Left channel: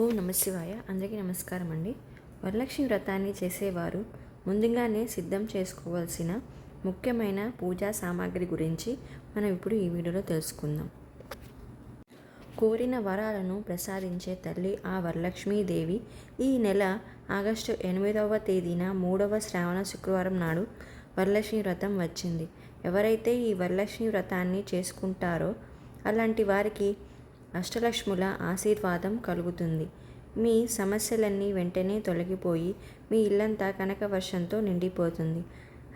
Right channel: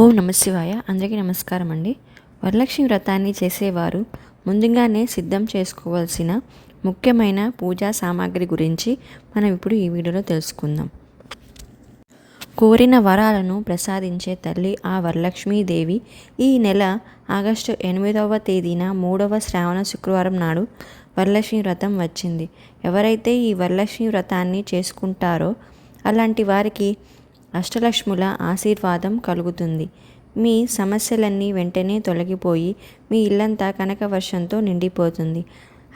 ఓం నమ శివాయ. అందరికీ నమస్కారం అండి. వరలక్ష్మి వ్రతాన్ని చేసేవారు ముందుగానే సిద్ధం చేసుకోవాల్సిన ముఖ్యమైన పూజా సామాగ్రి గురించి మనం ఇప్పుడు ఈ వీడియోలో తెలుసుకుందాం. కోరిన వరాలను ప్రసాదించే తల్లి ఆ వరలక్ష్మీదేవి ఈ నెల ఆగస్టు 8వ తేదీన 3వ శ్రావణ శుక్రవారం నాడు వరలక్ష్మి వ్రతం వచ్చింది. ఎవరైతే ఈ వరలక్ష్మి వ్రతాన్ని చేసుకుంటారో అలాంటి వారికి అష్టలక్ష్ముల ఆశీర్వాదం కలుగుతుంది. మీ సమస్యలన్నీ వెంటనే తొలగిపోయి మీ ఇల్లంతా కనకవర్షంతో నిండిపోతుంది.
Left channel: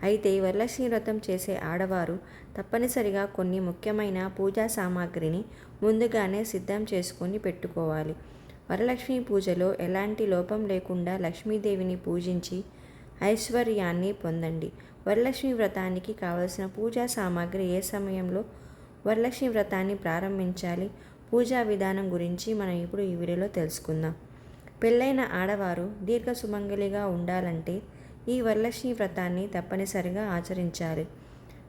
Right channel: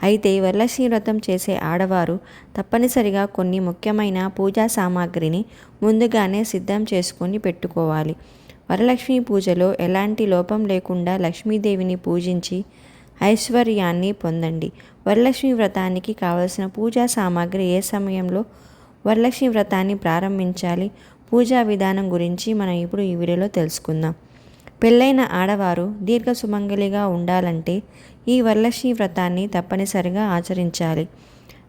అయితే వరలక్ష్మి వ్రతం చేసే ఆడవారు తప్పనిసరిగా కొన్ని ముఖ్యమైన పూజా సామాగ్రిని ముందుగానే సిద్ధం చేసుకొని పెట్టుకోవాలి. వరలక్ష్మి పూజలో ఎలాంటి లోపం లేకుండా లక్ష్మీదేవిని పూజించి ఐశ్వర్యాన్ని పొందండి. వరలక్ష్మి వ్రతానికి కావలసిన పూజా సామాగ్రి ఏ సమయంలో వరలక్ష్మి వ్రతాన్ని ప్రారంభించాలి, పూజా విధానం గురించి మనం ఇప్పుడు ఈ వీడియోలో తెలుసుకుందాం. పెళ్ళైన ఆడవారు దీర్ఘ సుమంగలిగా ఉండాలంటే ఈ వరలక్ష్మి వ్రతాన్ని తప్పనిసరిగా ఆచరించాలి.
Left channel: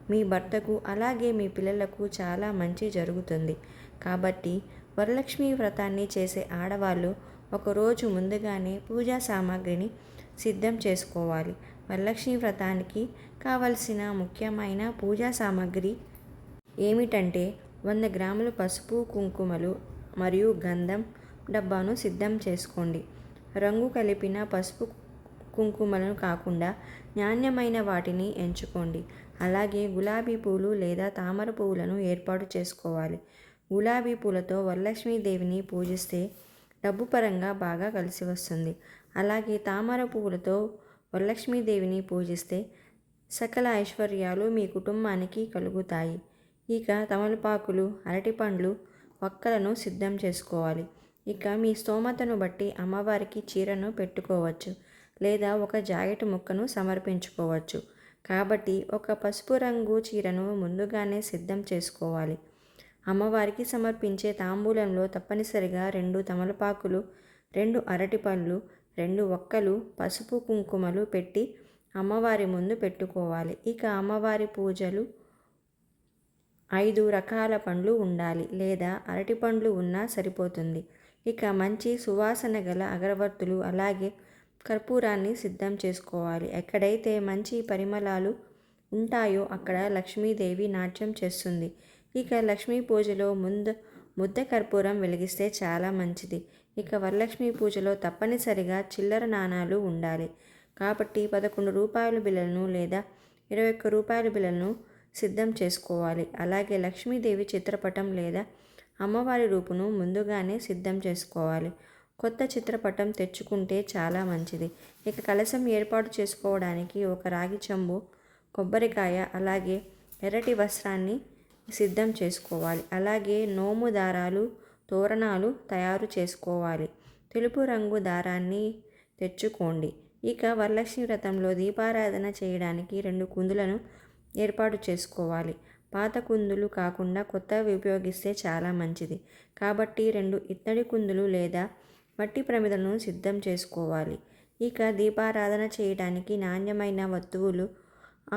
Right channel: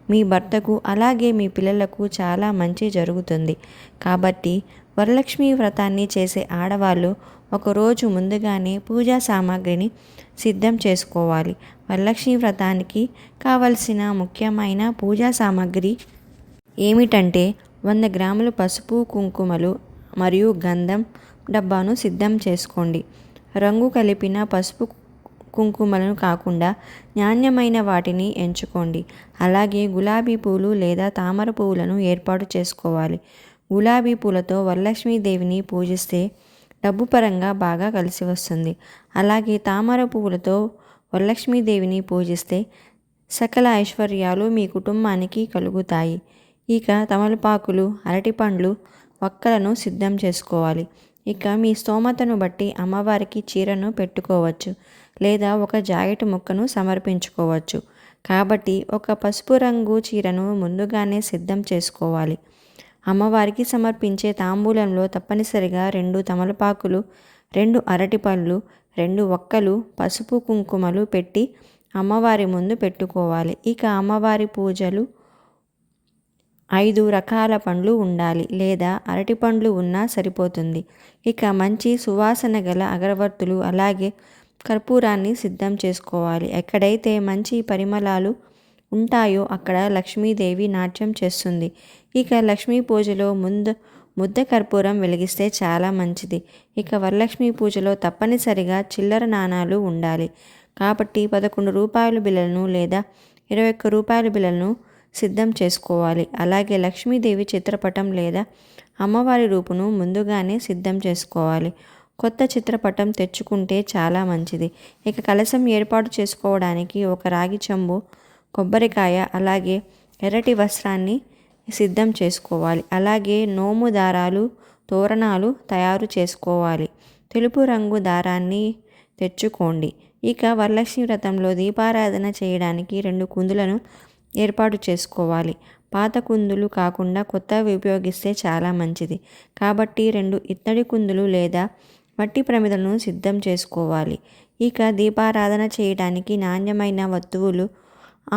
మీ భర్తకు అలాగే మీ పిల్లలకు చాలా మంచి జరుగుతుంది. కాబట్టి వరలక్ష్మి వ్రతాన్ని చేసే ఆడవాళ్ళు ఒకరోజు ముందుగానే పూజా సామాగ్రిని సిద్ధం చేసుకోవాలి. వరలక్ష్మి వ్రతానికి కావలసిన ముఖ్యమైన పూజా సామాగ్రి ఏమిటంటే 100 గ్రాములు పసుపు, కుంకుమలు మరియు గంధం డబ్బాను సిద్ధం చేసుకోండి. రంగు కలిపిన పసుపు కుంకుమలను కాకుండా నాణ్యమైన వాటిని ఎంచుకోండి. అలాగే గులాబీ పూలు లేదా తామర పువ్వులను ఏర్పాటు చేసుకోవాలి. గులాబీ పూలతో వరలక్ష్మీదేవిని పూజిస్తే డబ్బు పరంగా బాగా కలిసి వస్తుంది. అలాగే తామర పువ్వులతో వరలక్ష్మీదేవిని పూజిస్తే సకల ఐశ్వర్యాలు మీ కుటుంబానికి కలుగుతాయి. ఇక తమలపాకులు, అరటిపండ్లు, వక్కలను సిద్ధం చేసుకోవాలి. ఇక మీ స్తోమతను బట్టి అమ్మవారికి చీరను పెట్టుకోవచ్చు లేదా ఒక జాకెట్ ముక్కను సమర్పించుకోవచ్చు. కాబట్టి ఒక పసుపు రంగు చీరను ముందుగానే సిద్ధం చేసుకోవాలి. అమ్మవారికి సమర్పించే తాంబూలంలో తప్పనిసరిగా 2 తమలపాకులు, 2 అరటిపళ్ళు, 2 వక్కలు, పసుపు కుంకుమలు పెట్టి అమ్మవారి ముందు పెట్టుకోవాలి. ఇక అమ్మవారి పూజలు 5 రకాల పండ్లు ఉండాలి లేదా అరటి పండ్లు ఉన్నా సరిపోతుంది. ఇక మంచి సువాసన గల అగరవత్తులు అలాగే కర్పూరాన్ని సిద్ధం చేసుకోవాలి. ఎక్కడైతే మంచి పరిమళాలు ఉంటాయో అక్కడ లక్ష్మీదేవి నాట్యం చేస్తుంది. ఇక లక్ష్మీ పూజలో ముద్ద కర్పూరం వెలిగిస్తే చాలా మంచిది. ఇక వరలక్ష్మి పూజలో తప్పనిసరిగా చిల్లర నాణాలు ఉండాలి. కాబట్టి 11 రూపాయల బిళ్ళలను లేదా 21 రూపాయల బిళ్ళలను సిద్ధం చేసుకోవాలి. అలాగే లక్ష్మీదేవి చిత్రపటం లేదా అమ్మవారి రూపును ముందుగానే సిద్ధం చేసుకోవాలి. కొత్త చిత్రపటం తెచ్చుకుంటే చాలా మంచిది. ఇక కలశం ఏర్పాటు చేసుకోవడానికి ఒక రాగి చెంబు, కొబ్బరికాయ అలాగే ఎర్రటి వస్త్రాన్ని సిద్ధం చేసుకోవాలి. అలాగే నోము దారాలు, తోరణాలు తయారు చేసుకోవాలి. తెలుపు రంగు దారాన్ని తెచ్చుకోండి. ఇక వరలక్ష్మి వ్రతంలో దీపారాధన చేయడానికి 2 కుందులను ఏర్పాటు చేసుకోవాలి. పాత కుందులు కాకుండా కొత్తవి ఉపయోగిస్తే చాలా మంచిది. కాబట్టి 2 ఇత్తడి కుందులు లేదా మట్టి ప్రమిదలను సిద్ధం చేసుకోవాలి. ఇక దీపారాధన చేయడానికి నాణ్యమైన వస్తువులు,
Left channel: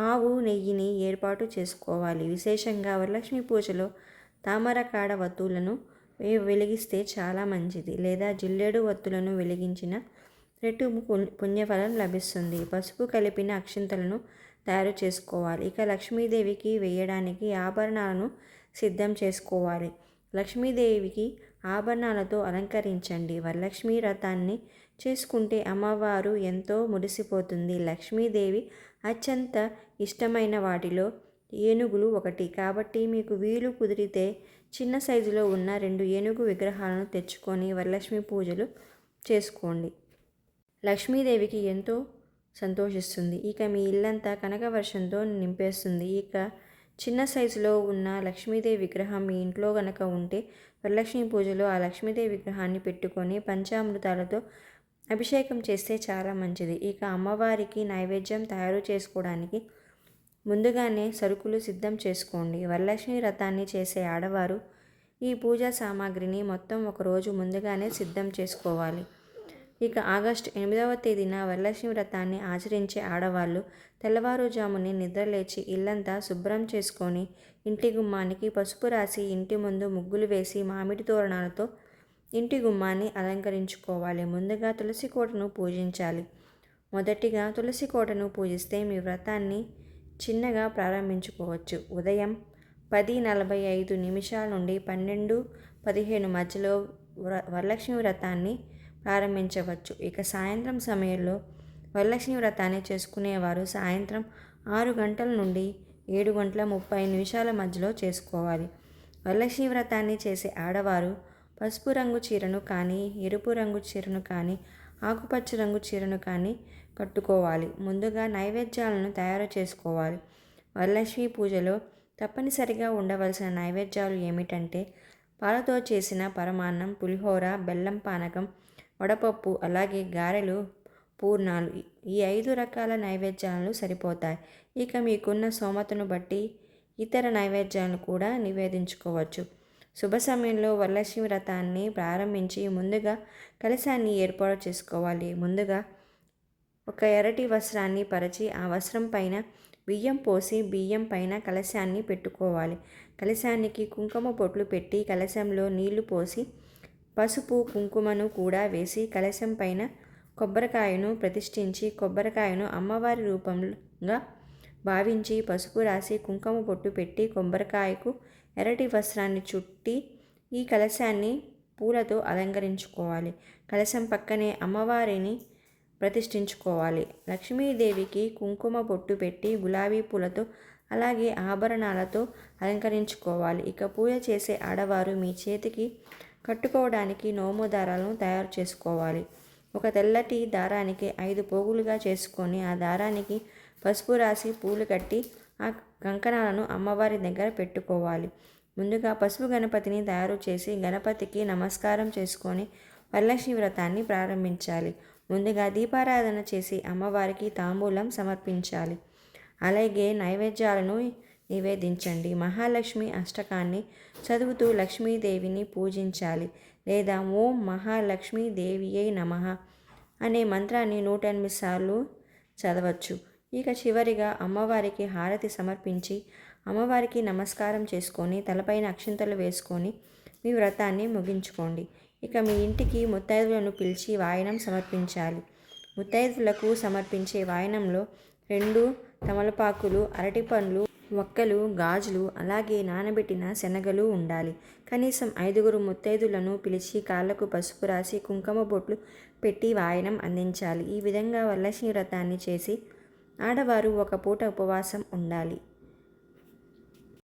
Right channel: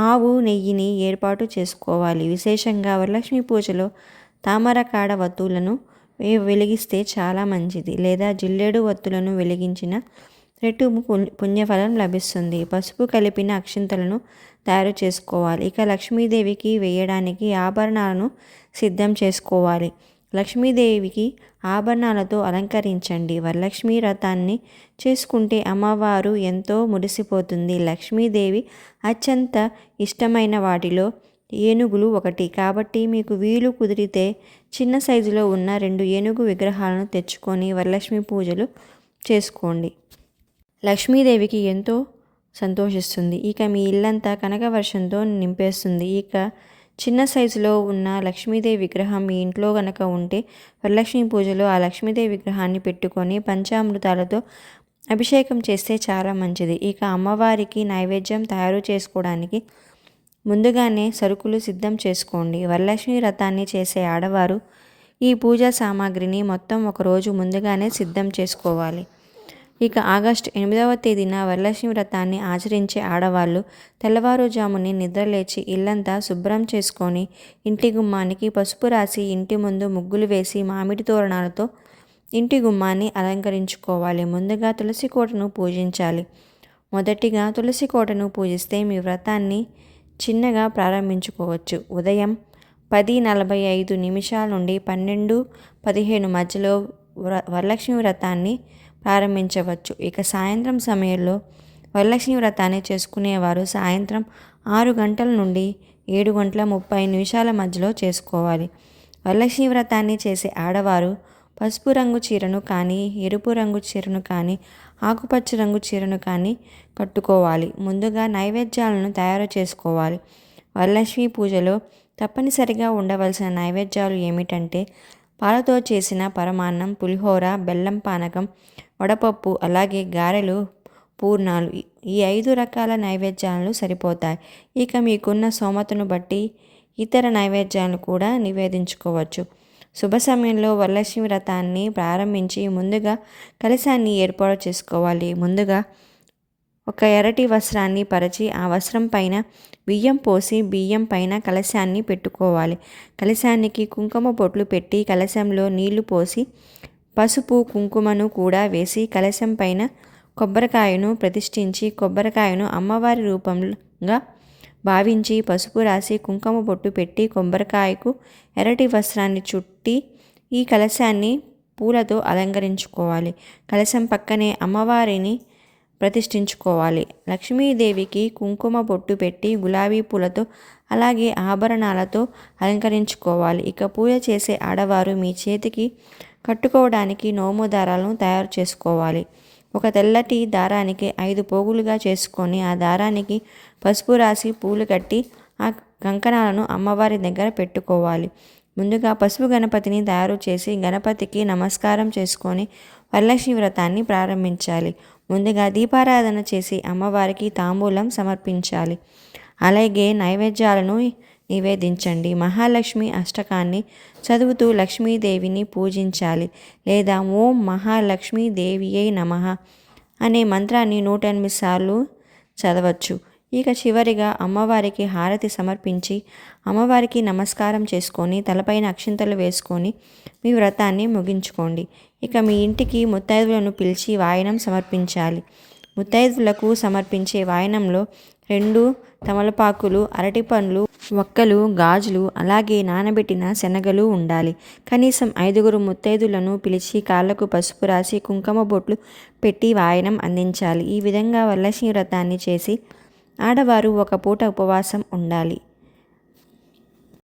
ఆవు నెయ్యిని ఏర్పాటు చేసుకోవాలి. విశేషంగా వరలక్ష్మి పూజలో తామరకాడ వత్తులను వెలిగిస్తే చాలా మంచిది లేదా జిల్లేడు వత్తులను వెలిగించిన రెట్టింపు పుణ్యఫలం లభిస్తుంది. పసుపు కలిపిన అక్షింతలను తయారు చేసుకోవాలి. ఇక లక్ష్మీదేవికి వేయడానికి ఆభరణాలను సిద్ధం చేసుకోవాలి. లక్ష్మీదేవికి ఆభరణాలతో అలంకరించండి. వరలక్ష్మీ వ్రతాన్ని చేసుకుంటే అమ్మవారు ఎంతో మురిసిపోతుంది. లక్ష్మీదేవి అత్యంత ఇష్టమైన వాటిలో ఏనుగులు ఒకటి. కాబట్టి మీకు వీలు కుదిరితే చిన్న సైజులో ఉన్న 2 ఏనుగు విగ్రహాలను తెచ్చుకొని వరలక్ష్మి పూజలు చేసుకోండి. లక్ష్మీదేవికి ఎంతో సంతోషిస్తుంది. ఇక మీ ఇల్లంతా కనకవర్షంతో నింపేస్తుంది. ఇక చిన్న సైజులో ఉన్న లక్ష్మీదేవి విగ్రహం మీ ఇంట్లో గనక ఉంటే వరలక్ష్మి పూజలో ఆ లక్ష్మీదేవి విగ్రహాన్ని పెట్టుకొని పంచామృతాలతో అభిషేకం చేస్తే చాలా మంచిది. ఇక అమ్మవారికి నైవేద్యం తయారు చేసుకోవడానికి ముందుగానే సరుకులు సిద్ధం చేసుకోండి. వరలక్ష్మి వ్రతాన్ని చేసే ఆడవారు ఈ పూజా సామాగ్రిని మొత్తం ఒకరోజు ముందుగానే సిద్ధం చేసుకోవాలి. ఇక ఆగస్టు 8వ తేదీన వరలక్ష్మి వ్రతాన్ని ఆచరించే ఆడవాళ్ళు తెల్లవారుజామునే నిద్రలేచి ఇల్లంతా శుభ్రం చేసుకొని ఇంటి గుమ్మానికి పసుపు రాసి ఇంటి ముందు ముగ్గులు వేసి మామిడి తోరణాలతో ఇంటి గుమ్మాన్ని అలంకరించుకోవాలి. ముందుగా తులసి కోటను పూజించాలి. మొదటిగా తులసి కోటను పూజిస్తే మీ వ్రతాన్ని చిన్నగా ప్రారంభించుకోవచ్చు. ఉదయం 10:45 నుండి 12:15 మధ్యలో వరలక్ష్మి వ్రతాన్ని ప్రారంభించవచ్చు. ఇక సాయంత్రం సమయంలో వరలక్ష్మి వ్రతాన్ని చేసుకునేవారు సాయంత్రం 6 గంటల నుండి 7:30 మధ్యలో చేసుకోవాలి. వరలక్ష్మి వ్రతాన్ని చేసే ఆడవారు పసుపు రంగు చీరను కానీ, ఎరుపు రంగు చీరను కానీ, ఆకుపచ్చ రంగు చీరను కానీ కట్టుకోవాలి. ముందుగా నైవేద్యాలను తయారు చేసుకోవాలి. వరలక్ష్మి పూజలో తప్పనిసరిగా ఉండవలసిన నైవేద్యాలు ఏమిటంటే పాలతో చేసిన పరమాన్నం, పులిహోర, బెల్లం పానకం, వడపప్పు, అలాగే గారెలు, పూర్ణాలు. ఈ 5 రకాల నైవేద్యాలు సరిపోతాయి. ఇక మీకున్న స్తోమతను బట్టి ఇతర నైవేద్యాలను కూడా నివేదించుకోవచ్చు. శుభ సమయంలో వరలక్ష్మి వ్రతాన్ని ప్రారంభించి ముందుగా కలశాన్ని ఏర్పాటు చేసుకోవాలి. ముందుగా ఒక ఎర్రటి వస్త్రాన్ని పరిచి ఆ వస్త్రం పైన బియ్యం పోసి బియ్యం పైన కలశాన్ని పెట్టుకోవాలి. కలశానికి కుంకుమ బొట్లు పెట్టి కలశంలో నీళ్లు పోసి పసుపు కుంకుమను కూడా వేసి కలశం పైన కొబ్బరికాయను ప్రతిష్ఠించి కొబ్బరికాయను అమ్మవారి రూపంగా భావించి పసుపు రాసి కుంకుమ బొట్టు పెట్టి కొబ్బరికాయకు ఎర్రటి వస్త్రాన్ని చుట్టి ఈ కలశాన్ని పూలతో అలంకరించుకోవాలి. కలశం పక్కనే అమ్మవారిని ప్రతిష్ఠించుకోవాలి. లక్ష్మీదేవికి కుంకుమ బొట్టు పెట్టి గులాబీ పూలతో అలాగే ఆభరణాలతో అలంకరించుకోవాలి. ఇక పూజ చేసే ఆడవారు మీ చేతికి కట్టుకోవడానికి నోము దారాలను తయారు చేసుకోవాలి. ఒక తెల్లటి దారానికి 5 పోగులుగా చేసుకొని ఆ దారానికి పసుపు రాసి పూలు కట్టి ఆ కంకణాలను అమ్మవారి దగ్గర పెట్టుకోవాలి. ముందుగా పసుపు గణపతిని తయారు చేసి గణపతికి నమస్కారం చేసుకొని వరలక్ష్మి వ్రతాన్ని ప్రారంభించాలి. ముందుగా దీపారాధన చేసి అమ్మవారికి తాంబూలం సమర్పించాలి. అలాగే నైవేద్యాలను నివేదించండి. మహాలక్ష్మి అష్టకాన్ని చదువుతూ లక్ష్మీదేవిని పూజించాలి. లేదా ఓం మహాలక్ష్మీదేవియై నమః అనే మంత్రాన్ని 108 సార్లు చదవచ్చు. ఇక చివరిగా అమ్మవారికి హారతి సమర్పించి అమ్మవారికి నమస్కారం చేసుకొని తలపైన అక్షింతలు వేసుకొని మీ వ్రతాన్ని ముగించుకోండి. ఇక మీ ఇంటికి ముత్తైదువులను పిలిచి వాయనం సమర్పించాలి. ముత్తైదువులకు సమర్పించే వాయనంలో 2 తమలపాకులు, అరటిపండ్లు, వక్కలు, గాజులు, అలాగే నానబెట్టిన శనగలు ఉండాలి. కనీసం 5 ముత్తైదులను పిలిచి కాళ్లకు పసుపు రాసి కుంకుమ బొట్లు పెట్టి వాయనం అందించాలి. ఈ విధంగా వరలక్ష్మి వ్రతాన్ని చేసి ఆడవారు ఒక పూట ఉపవాసం ఉండాలి.